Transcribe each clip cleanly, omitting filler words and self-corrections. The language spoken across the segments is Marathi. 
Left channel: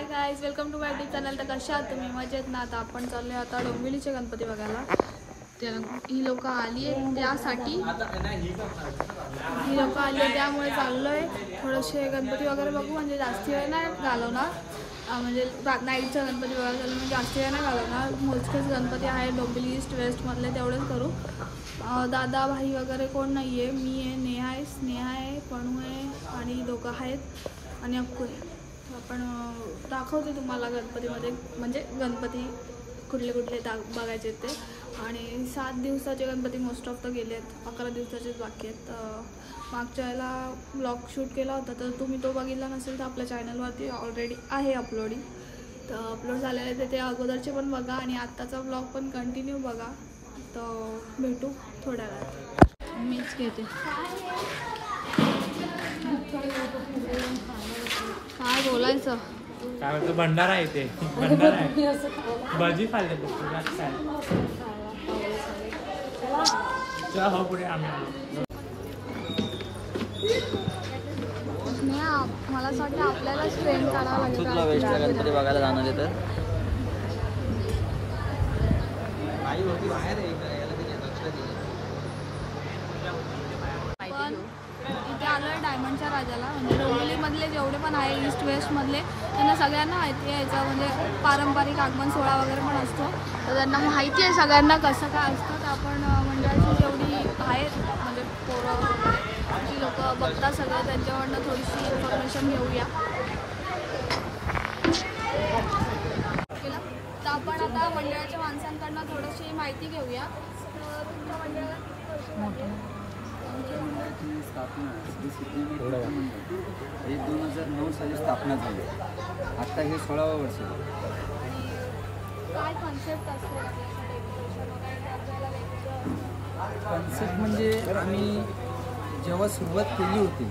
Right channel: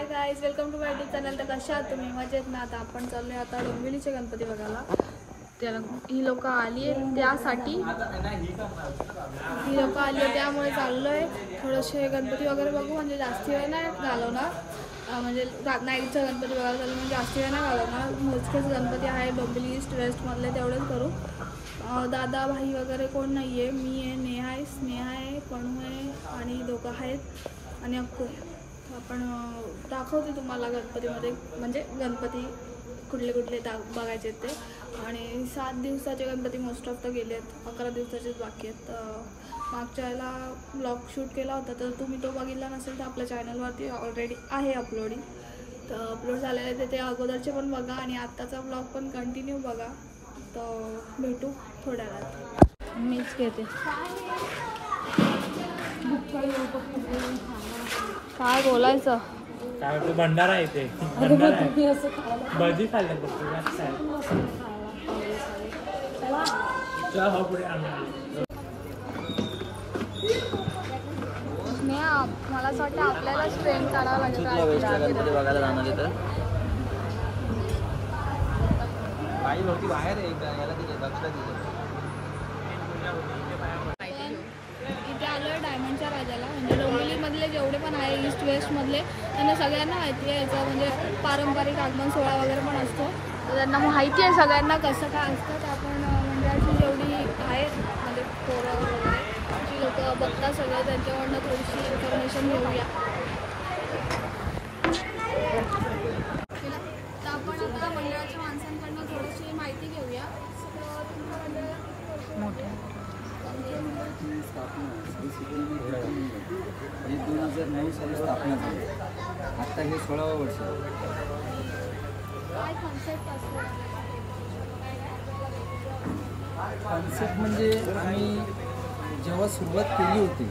High guys, welcome to my YouTube channel. तर कशा आहात तुम्ही? मजेत ना? आता आपण चाललोय आता डोंबिवलीचे गणपती बघायला. त्याला ही लोक आली आहेत त्यासाठी, त्यामुळे चाललोय. थोडेसे गणपती वगैरे बघू, म्हणजे जास्ती वेळ नाही घालवणार. म्हणजे नाईटचा गणपती बघायला चाललो, म्हणजे जास्ती वेळ नाही घालवणार. मोजकेच गणपती आहे डोंबिवली ईस्ट वेस्ट मधले, तेवढेच करू. दादा भाई वगैरे कोण नाही आहे. मी आहे, स्नेहा आहे, पणू आहे आणि दोघं आहेत आणि अक्कू आहे. आपण दाखवते तुम्हाला गणपतीमध्ये, म्हणजे गणपती कुठले कुठले बघायचे ते. आणि 7 दिवसाचे गणपती मोस्ट ऑफ तर गेले आहेत, 11 दिवसाचेच बाकी आहेत. मागच्या वेळेला ब्लॉग शूट केला होता, तर तुम्ही तो बघितला नसेल तर आपल्या चॅनलवरती ऑलरेडी आहे अपलोडिंग. तर अपलोड झालेलं आहे ते अगोदरचे पण बघा आणि आत्ताचा ब्लॉग पण कंटिन्यू बघा. तर भेटू थोड्या वेळात. मीच घेते. काय बोलायचं? काय होतं? भंडारा आहे ते, भंडारा आहे. भाजी खाल्ल्या पुढे मला असं वाटतं आपल्यालाच ट्रेन करावं लागेल गणपती बघायला जाणार आहे. तर आई होती बाहेर आहे, याला तिथे लक्ष दिले. इथे आलोय डायमंडच्या राजाला. म्हणजे डोंबिवलीमधले जेवढे पण आहे ईस्ट वेस्ट मधले, त्यांना सगळ्यांना माहिती आहे याचं, म्हणजे पारंपरिक आगमन सोहळा वगैरे पण असतो. तर त्यांना माहिती आहे सगळ्यांना कसं काय असतं. तर आपण मंडळाची जेवढी आहेत, म्हणजे पोरं वगैरे ती लोक बघतात सगळं, त्यांच्याकडनं थोडीशी इन्फॉर्मेशन घेऊया. तर आपण आता मंडळाच्या माणसांकडनं थोडीशी माहिती घेऊया. आमच्या मंडळाची स्थापना श्री सिद्धिविनायक मंडळ हे 2009 साली स्थापना झाली. आत्ता हे 16वे वर्ष आहे. काय कॉन्सेप्ट असतो? कॉन्सेप्ट म्हणजे आम्ही जेव्हा सुरुवात केली होती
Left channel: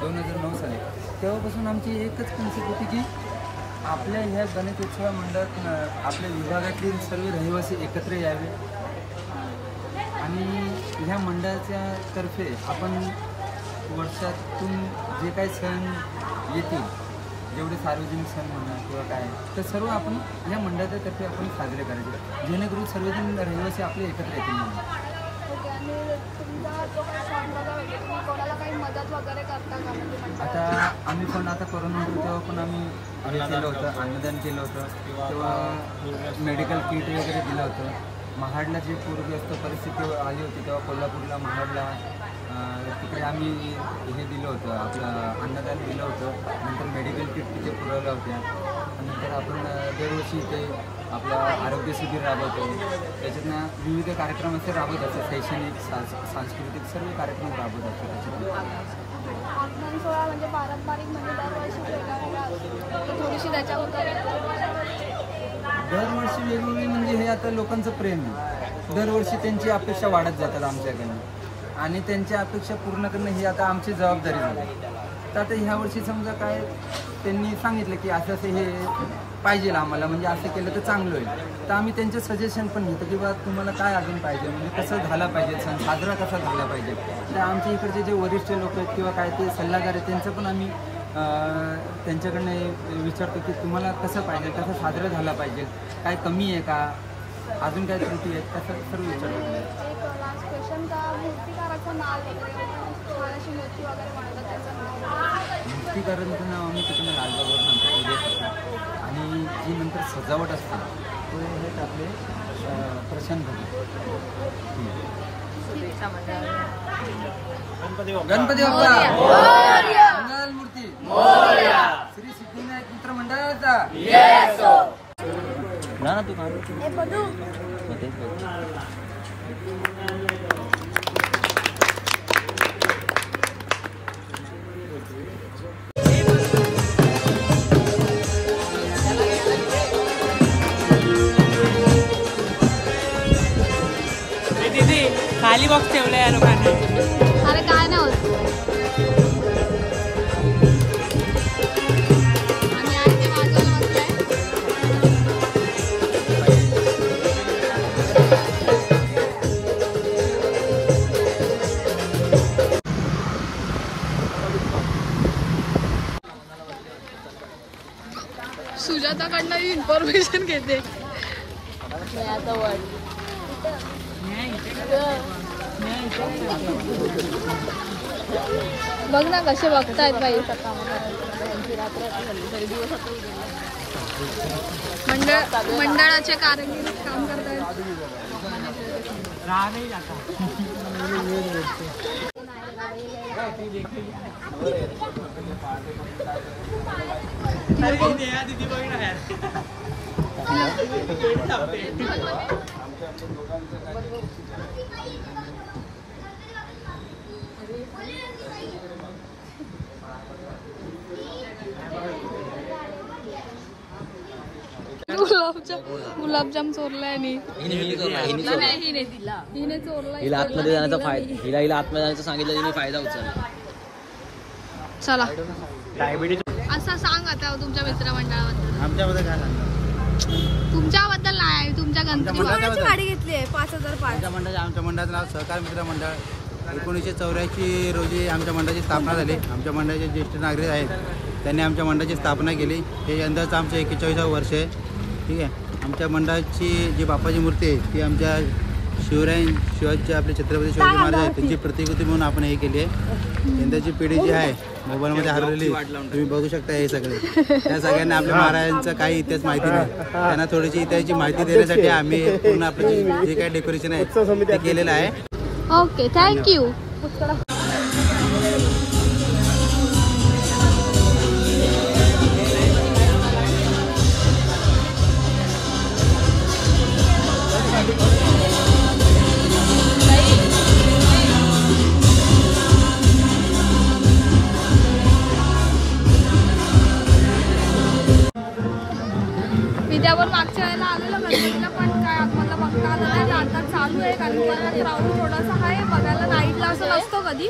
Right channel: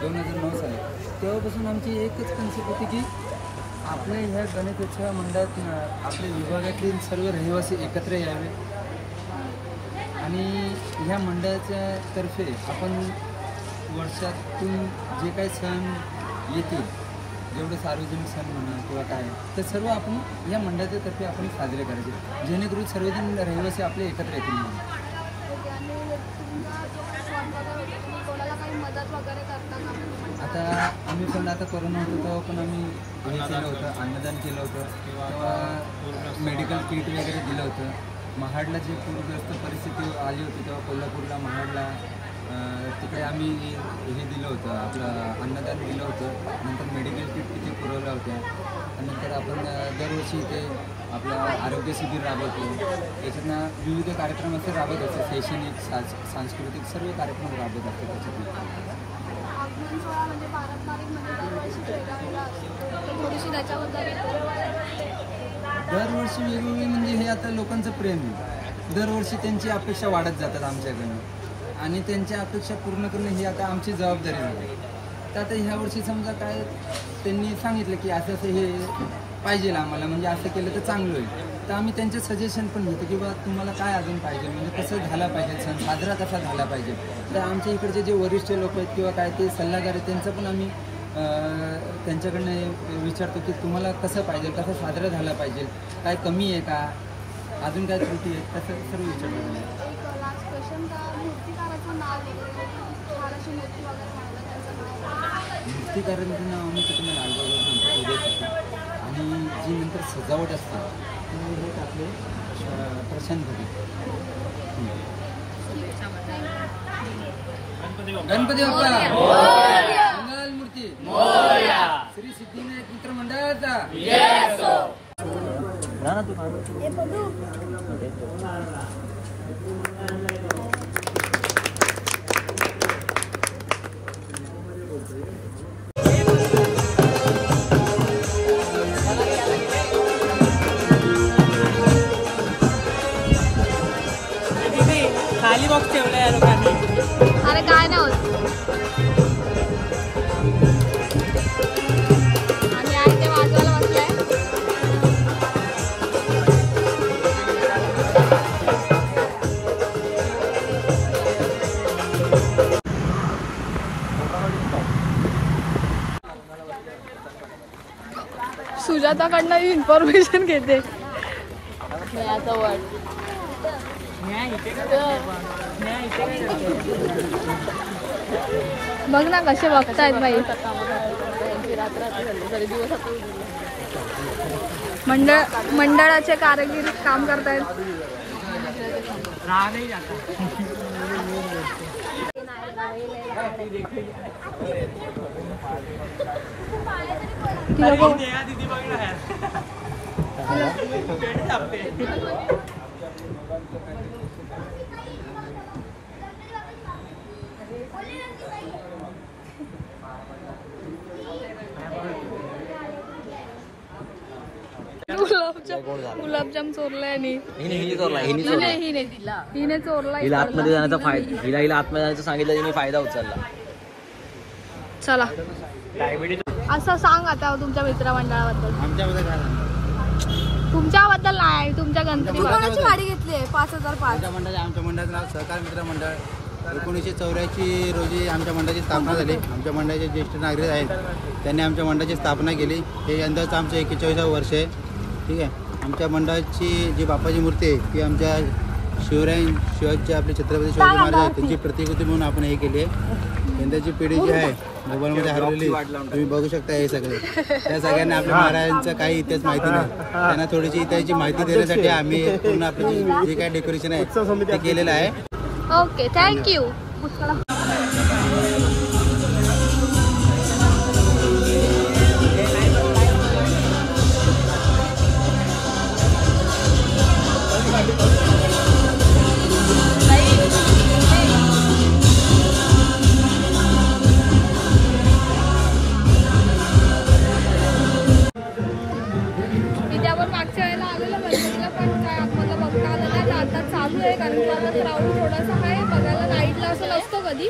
2009 साली, तेव्हापासून आमची एकच कॉन्सेप्ट होती की आपल्या ह्या गणेशोत्सव मंडळात आपल्या विभागातील सर्व रहिवासी एकत्र यावे आणि ह्या मंडळाच्या तर्फे आपण वर्षातून जे काही सण येतील, जेवढे सार्वजनिक सण म्हणा किंवा काय, तर सर्व आपण ह्या मंडळाच्या तर्फे आपण साजरे करायचे, जेणेकरून सर्वजण रहिवासी आपले एकत्र येतील म्हणून. आता आम्ही पण आता कोरोना होतो तेव्हा पण आम्ही हे केलं होतं, अन्नदान केलं होतं, तेव्हा मेडिकल किट वगैरे दिलं होतं. महाडला जे पूरग्रस्त परिस्थिती आली होती तेव्हा कोल्हापूरला महाडला तिकडे आम्ही हे दिलं होतं, आपलं अन्नदान दिलं होतं. नंतर मेडिकल किट तिथे पुरवल्या होत्या. नंतर आपण दरवर्षी इथे आपलं आरोग्य शिबिर राबवतो. त्याच्यातनं विविध कार्यक्रम असे राबवत असतात, शैक्षणिक सांस्कृतिक सर्व कार्यक्रम राबवत असतात. त्याच्यातून दरवर्षी वेगवेगळी, म्हणजे हे आता लोकांचं प्रेम आहे. दरवर्षी त्यांची अपेक्षा वाढत जातात आमच्याकडनं आणि त्यांच्या अपेक्षा पूर्ण करणं ही आता आमची जबाबदारी झाली. तर आता ह्या वर्षी समजा काय त्यांनी सांगितलं की असं असं हे पाहिजे आम्हाला, म्हणजे असं केलं तर चांगलं होईल. तर आम्ही त्यांचं सजेशन पण घेतो की बा तुम्हाला काय अजून पाहिजे, म्हणजे कसं झाला पाहिजे, सण साजरा कसा झाला पाहिजे. तर आमच्या इकडचे जे वरिष्ठ लोक आहेत किंवा काय ते सल्लागार आहेत, त्यांचं पण आम्ही त्यांच्याकडनं विचारतो की तुम्हाला कसं पाहिजे, कसं साजरा झाला पाहिजे, काय कमी आहे का, अजून काय त्रुटी आहेत, कसं सर्व विचारतो तुम्ही. मूर्तिकारांचं नाव आम्ही तिथे लालबागवर सांगतो, उद्या. आणि जी नंतर सजावट असते ते आहेत आपले प्रशांत भगत. गणपती बाप्पा मंगल मूर्ती श्री सिद्धिविनायक मित्र मंडळाचा. खाली बॉक्स ठेवला या लोकांनी. अरे काय नाही होत. आणि आहे ते वाजवायला बसलाय. सुजाताकडनं इन्फॉर्मेशन घेते. मग ना कसे बघतायत बाई. मंडळाचे कारागीर काम करतायत. गुलाबजाम चोरलाय आणि हिने चोरलाय. हिला आतमध्ये जाण्याचा फायदा हिला आतमध्ये जाण्याचं सांगितलं मी फायदा उचलला. चला असं सांग आता तुमच्या मित्रमंडळाबद्दल. आमच्याबद्दल काय सांगणार? तुमच्याबद्दल नाही, तुमच्या गणपती गाडी घेतली आहे 5005. आमच्या मंडळाचं नाव सहकार मित्र मंडळ. 1984 रोजी आमच्या मंडळाची स्थापना झाली. आमच्या मंडळाचे ज्येष्ठ नागरिक आहेत त्यांनी आमच्या मंडळाची स्थापना केली. हे यंदाचं आमचं 41वं वर्ष आहे. ठीक आहे. आमच्या मंडळाची जी बापाची मूर्ती आहे ती आमच्या शिवाजी आपले छत्रपती शिवाजी महाराज आहेत त्यांची प्रतिकृती म्हणून आपण हे केली आहे. यंदाची पिढी जी आहे मोबाईलमध्ये हरवलेली तुम्ही बघू शकता. हे सगळे त्या सगळ्यांना आपल्या महाराजांचा काही इतिहास माहिती नाही. त्यांना थोडीशी इतिहासाची माहिती देण्यासाठी आम्ही पूर्ण आपलं जे काही डेकोरेशन आहे ते केलेलं आहे. Okay, thank you. मागच्या वेळेला आलेलं गणपतीला पण काय आतमधला बघता आलं नाही. आता चालू आहे कारण की आता क्राऊड थोडासा आहे. बघायला नाईटला असं नसतो कधी,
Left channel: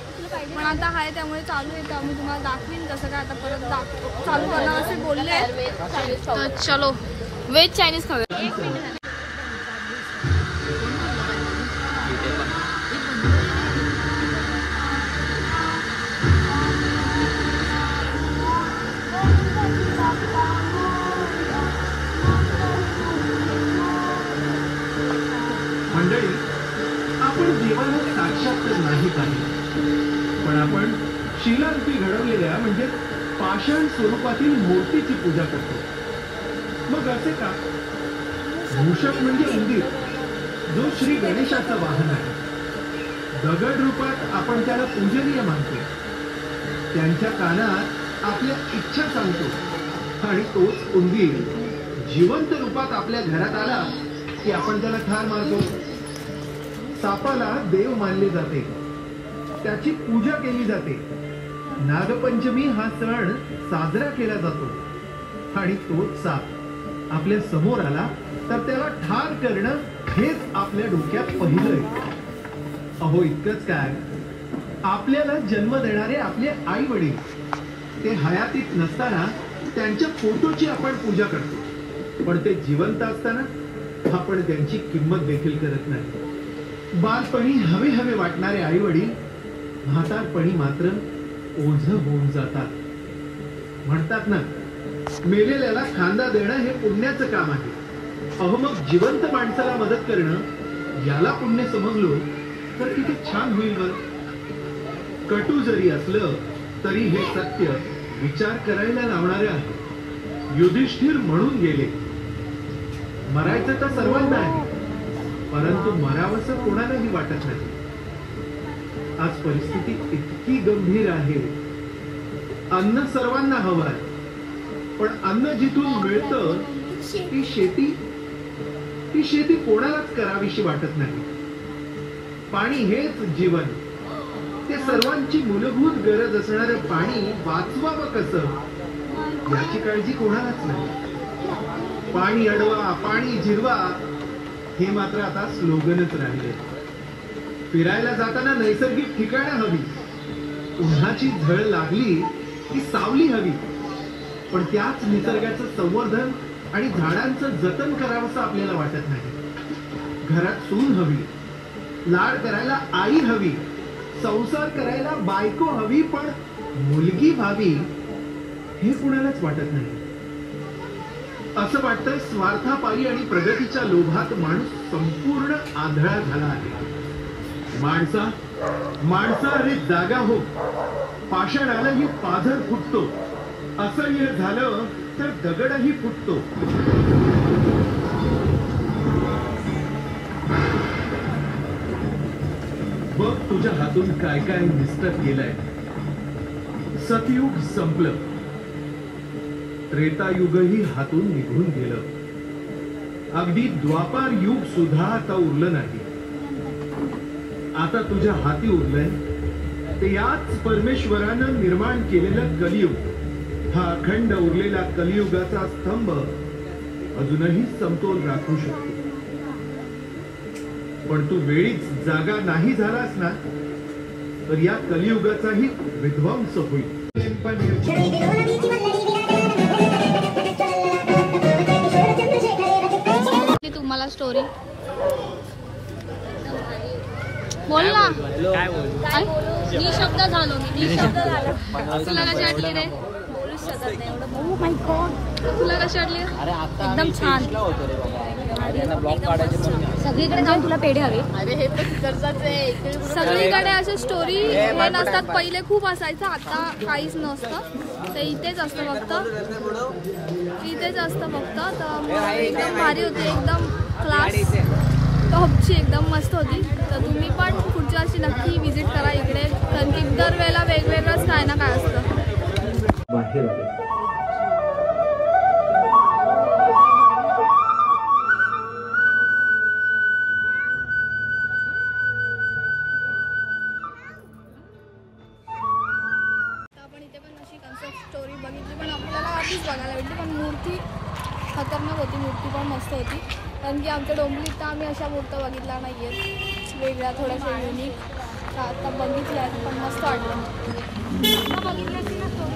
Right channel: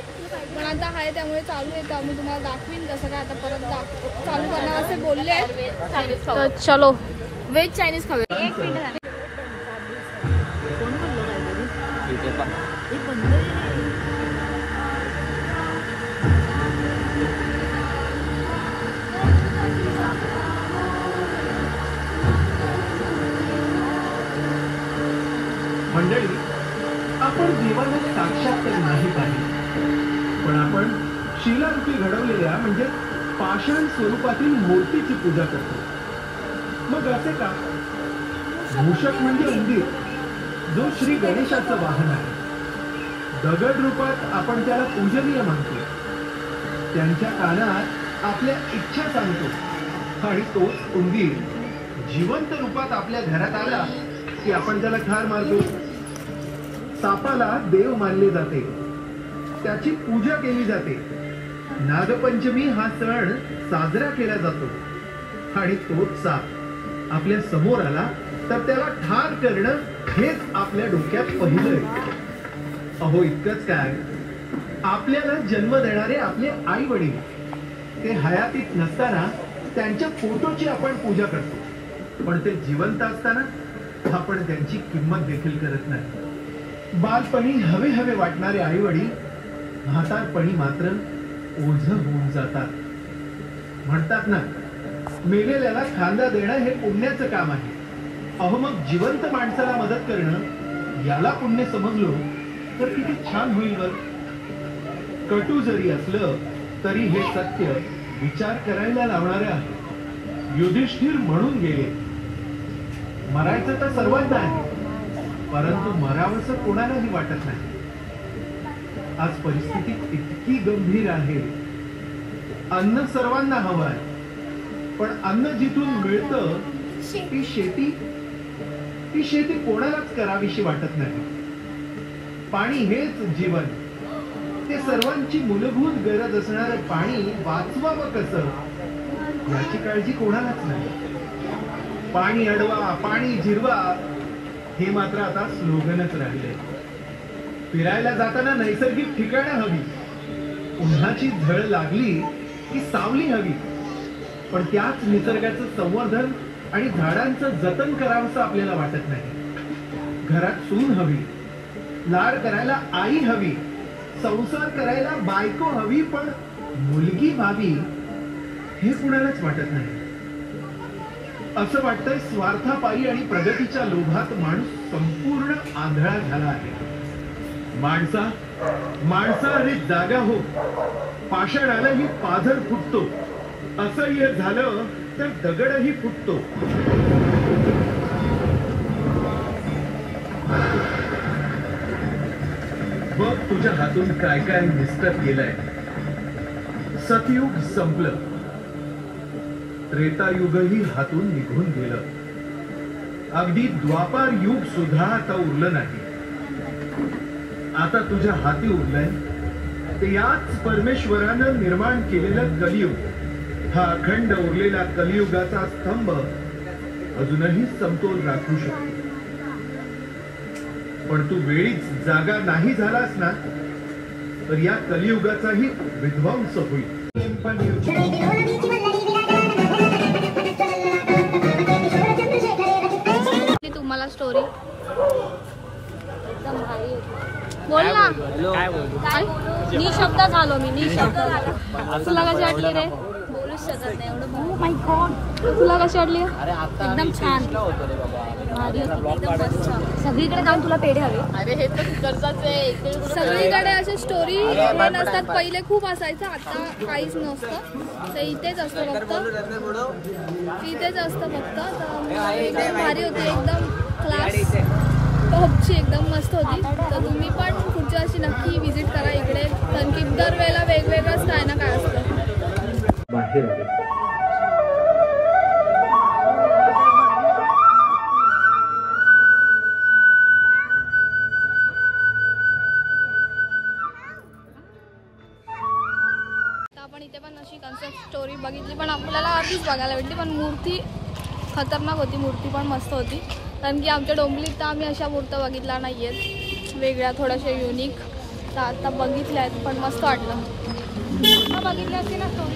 पण आता आहे त्यामुळे चालू आहे. तर मी तुम्हाला दाखवीन कसं काय. आता परत चालू करणार असे बोलले. तर चलो व्हेज चायनीज खाऊया. 1 मिनिट. मंडळी, आपण देवाला साक्षात तर नाही पाहिजे, पण आपण शिलारूपी घडवलेल्या म्हणजे पाषाण स्वरूपातील मूर्तीची पूजा करतो. मग असे का? मूषक म्हणजे उंदीर, जो श्री गणेशाचं वाहन आहे. दगड रूपात आपण त्याला पूजनीय मानतो. त्यांच्या कानात आपल्या इच्छा सांगतो आणि तोच उंदीर जिवंत रूपात आपल्या घरात आला की आपण त्याला ठार मारतो. सापाला देव मानले जाते, त्याची पूजा केली जाते. नागपंचमी हा सण साजरा केला जातो आणि तोच साप आपल्या समोर आला तर त्याला ठार करणं हेच आपल्या डोक्यात पहिलं आहे. अहो इतकंच काय, आपल्याला जन्म देणारे आपले आई वडील ते हयातीत नसताना त्यांच्या फोटोची आपण पूजा करतो, पण ते जिवंत असताना आपण त्यांची किंमत देखील करत नाही. बालपणी हवे हवे वाटणारे आई वडील म्हातारपणी मात्र ओझ होऊन जातात. म्हणतात ना, मेलेल्याला खांदा देणं हे पुण्याचं काम आहे. अहो मग जिवंत माणसाला मदत करणं याला पुण्य समजलो तर किती छान होईल बर. कटू जरी असलं तरी हे सत्य विचार करायला लावणारे आहे. युधिष्ठिर म्हणून गेले, मरायचं तर सर्वांना आहे, परंतु मरावंसं कोणालाही वाटत नाही. आज परिस्थिती इतकी गंभीर आहे. अन्न सर्वांना हवं आहे, पण अन्न जिथून मिळतं ती शेती कोणालाच करावीशी वाटत नाही. पाणी हेच जीवन. ते सर्वांची मूलभूत गरज असणारं पाणी वाचवावं कसं याची काळजी कोणालाच नाही. पाणी अडवा, पाणी जिरवा हे मात्र आता स्लोगनच राहिले. फिरायला जाताना नैसर्गिक ठिकाणं हवी, उन्हाची झळ लागली की सावली हवी, पण त्याच निसर्गाचं संवर्धन आणि झाडांचं जतन करावंसं आपल्याला वाटत नाही. घरात सून हवी, लाड करायला आई हवी, संसार करायला बायको हवी, पण मुलगी व्हावी हे कुणालाच वाटत नाही. असं वाटतंय स्वार्थापायी आणि प्रगतीच्या लोभात माणूस संपूर्ण आंधळा झाला आहे. माणसा आणि जागा हो, पाषाणालाही पाझर फुटतो. असह्य झालं तर दगडही फुटतो. बघ तुझ्या हातून काय काय निसटत गेलंय. सतयुग संपलं, त्रेतायुगही हातून निघून गेलं. अगदी द्वापार युग सुद्धा आता उरलं नाही. आता तुझ्या हाती उरलंय ते याच परमेश्वरानं निर्माण केलेलं कलियुग. हा अखंड उरलेला कलियुगाचा स्तंभ अजूनही समतोल राखू शकतो. पण तू वेळीच जागा नाही झालास ना तर या कलियुगाचाही विध्वंस होईल. तुम्हाला स्टोरी बोल ना. काय बोलू? निशब्द झालो मी, निशब्द झालो. तुला कशी वाटली रे? बोलूच शकत नाही एवढं. तुला कशी वाटली? एकदम छान, सगळीकडे जाऊन तुला पेढे हवे. सगळीकडे असे स्टोरी हे नसतात. पहिले खूप असायचं, आता काहीच नसतं. ते इथेच असतं फक्त, इथेच असतं फक्त. तर मग एकदम भारी होती, एकदम क्लास टॉपची, एकदम मस्त होती. तर तुम्ही पण पुढच्या वर्षी नक्की विजिट करा इकडे, कारण की दरवेळेला वेगवेगळंच काय ना काय असतं. बाहेर आले. आपण इथे पण अशी कन्सेप्ट स्टोरी बघितली, पण आपल्याला आधीच बघायला भेटली. पण मूर्ती खतरनाक होती, मूर्ती पण मस्त होती. कारण की आमच्या डोंबिवलीत तर आम्ही अशा मूर्त्या बघितल्या नाही आहेत, वेगळ्या थोड्याशा युनिक. तर आता बघितल्या आहेत, पण मस्त वाटलं. बघितल्या असते ना स्टोरी.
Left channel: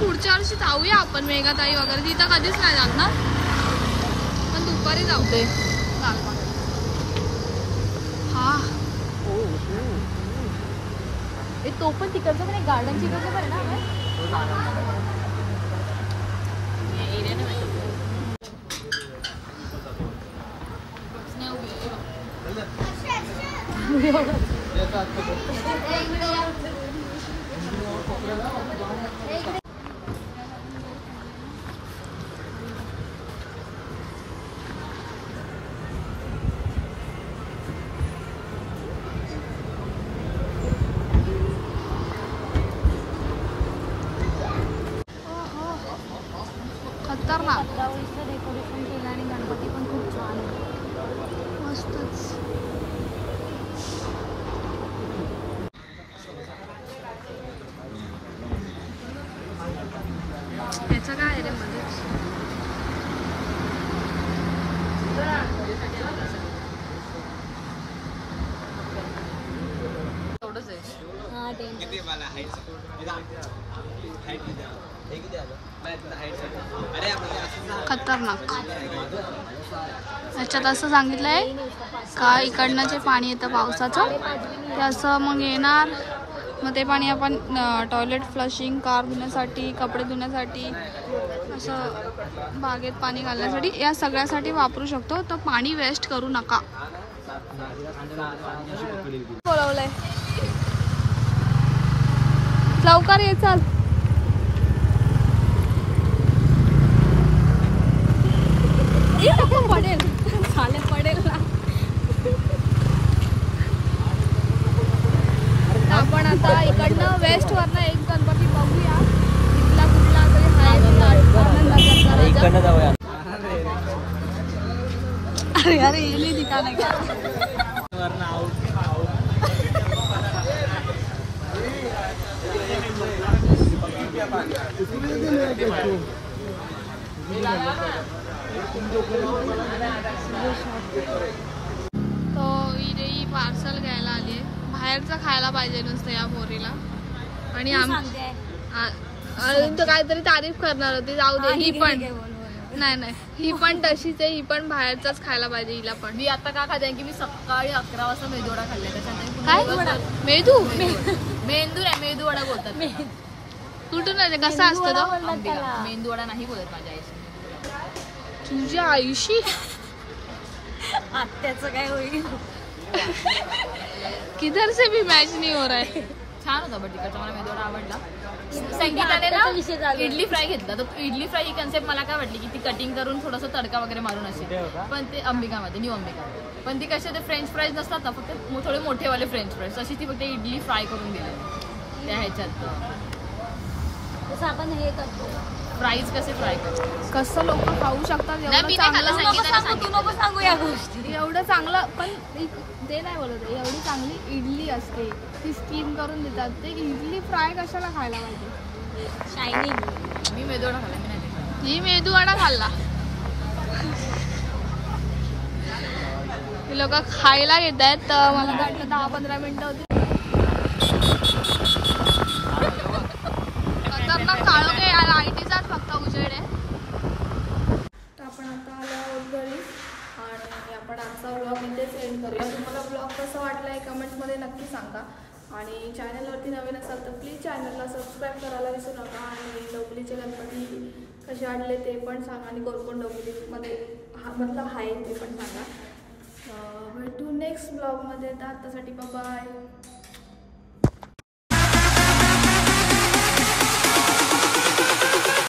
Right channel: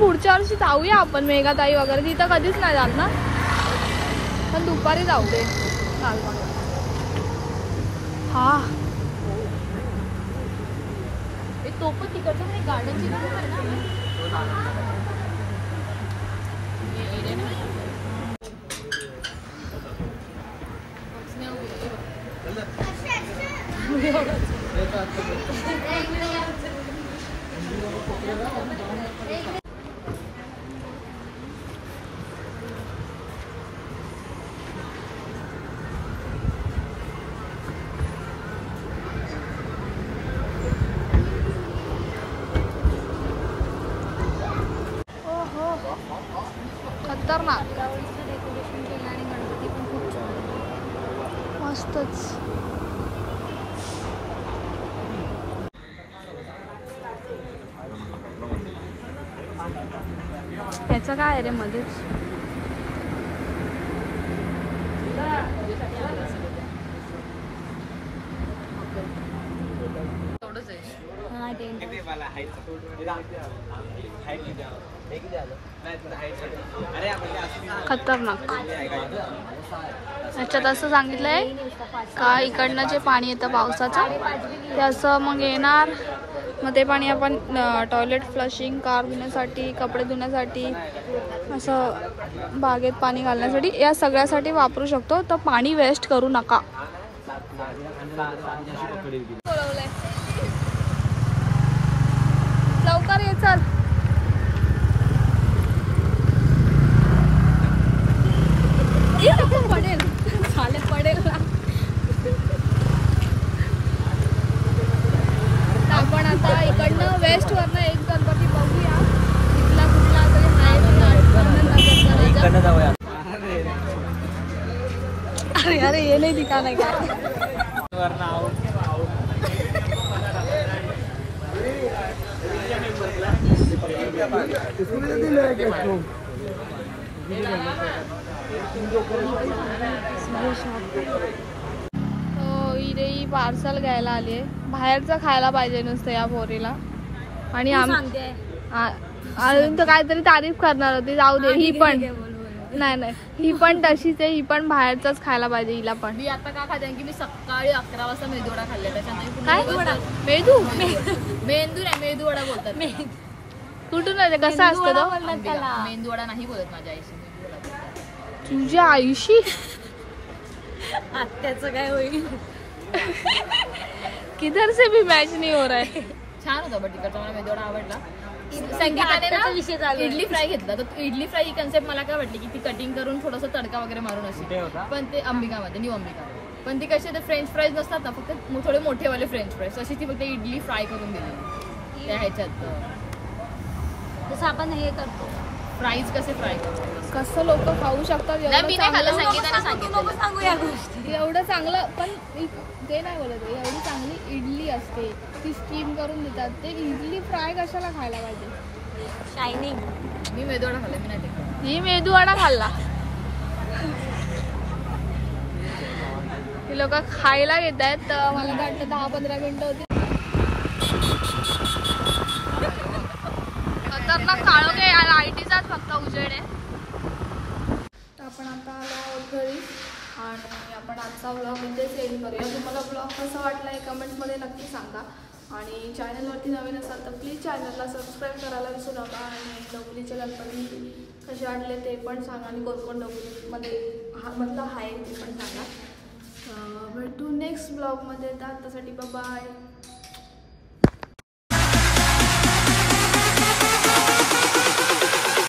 पुढच्या वर्षी जाऊया आपण मेघाताई वगैरे, तिथं कधीच नाही जात ना, पण दुपारी जाऊ दे. लालबाग हा तो पण तिकडचं पण एक गार्डनची खतरनाक, मस्तच. त्याचं काय आहे रे मध्येच? खतरनाक. याच्यात असं सांगितलंय का इकडनं जे पाणी येतं पावसाचं ते असं मग येणार, मग ते पाणी आपण टॉयलेट फ्लशिंग, कार धुण्यासाठी, कपडे धुण्यासाठी, असं बागेत पाणी घालण्यासाठी, या सगळ्यासाठी वापरू शकतो. तर पाणी वेस्ट करू नका. बोलवलंय लवकर ये, चल. पडेल झाले, पडेल ना. आपण आता इकडनं वेस्ट वरनं एक गणपती बघूया, इथला कुठला तरी आहे. अरे येले ठिकाण आहे का? तो इथे पार्सल घ्यायला आली, बाहेरचं खायला पाहिजे नुसतं या पोरीला. आणि अजून तर काहीतरी तारीफ करणार होती, जाऊ दे. ही पण नाही ही पण तशीच आहे, ही पण बाहेरचाच खायला पाहिजे हिला पण. मी आता का खाते की मी सकाळी 11 वाजता मेदूवडा खाल्ला, त्याच्यानंतर काय मेदू मेंदू नाही मेदूवडा बोलतात त्याला. कुठून आले, कसा असतो तो? अंबिका. मेंदूवडा नाही बोलत माझ्या आईशी, मेदूवडा बोलतात. तुझ्या आईशी आत्याचं काय होईल. किधर से भी मॅच नाही हो रहा है. छान होता बट तिकडचा, मला मेदूवडा आवडला. संगीताने ना इडली फ्राय घेतला, तर इडली फ्राय ही कन्सेप्ट मला काय वाटली की ती कटिंग करून थोडंसं तडका वगैरे मारून असेल, पण ते अंबिकामध्ये, न्यू अंबिकामध्ये. पण ती कसे ते फ्रेंच फ्राईज नसतात ना, फक्त थोडे मोठेवाले फ्रेंच फ्राईज, तशी ती फक्त इडली फ्राय करून दिली त्या ह्याच्यात. फ्राईज कसे फ्राय करतो कसं लोक खाऊ शकतात एवढं चांगलं. संगीताने सांगितलं एवढं चांगलं, पण ते नाही बोलत आहे, एवढी चांगली इडली असते ती स्टीम करून देतात, ते इडली फ्राय कशाला खायला पाहिजे. मी मेदूवडा खाल्ला, मी नाही ते खाल्ला. ही मेदूवडा खाल्ला. ही लोक खायला घेत आहेत, तर मला तर वाटलं 10-15 मिनिटं होती. खतरनाक काळोखे लाईटीचाच फक्त उजेड आहे. तर आपण आता आलो आहोत घरी आणि आपण आजचा व्लॉग इथेच एंड करूया. तुम्हाला व्लॉग कसा वाटला आहे कमेंट्समध्ये नक्की सांगा. आणि चॅनलवरती नवीन असाल तर प्लीज चॅनलला सबस्क्राईब करायला विसरू नका. आणि डोंबिवलीचे गणपती कसे वाटले ते पण सांगा, आणि कोण डोंबिवलीमध्ये मधलं आहे ते पण सांगा. भेटू नेक्स्ट ब्लॉगमध्ये. तर आतासाठी बाय.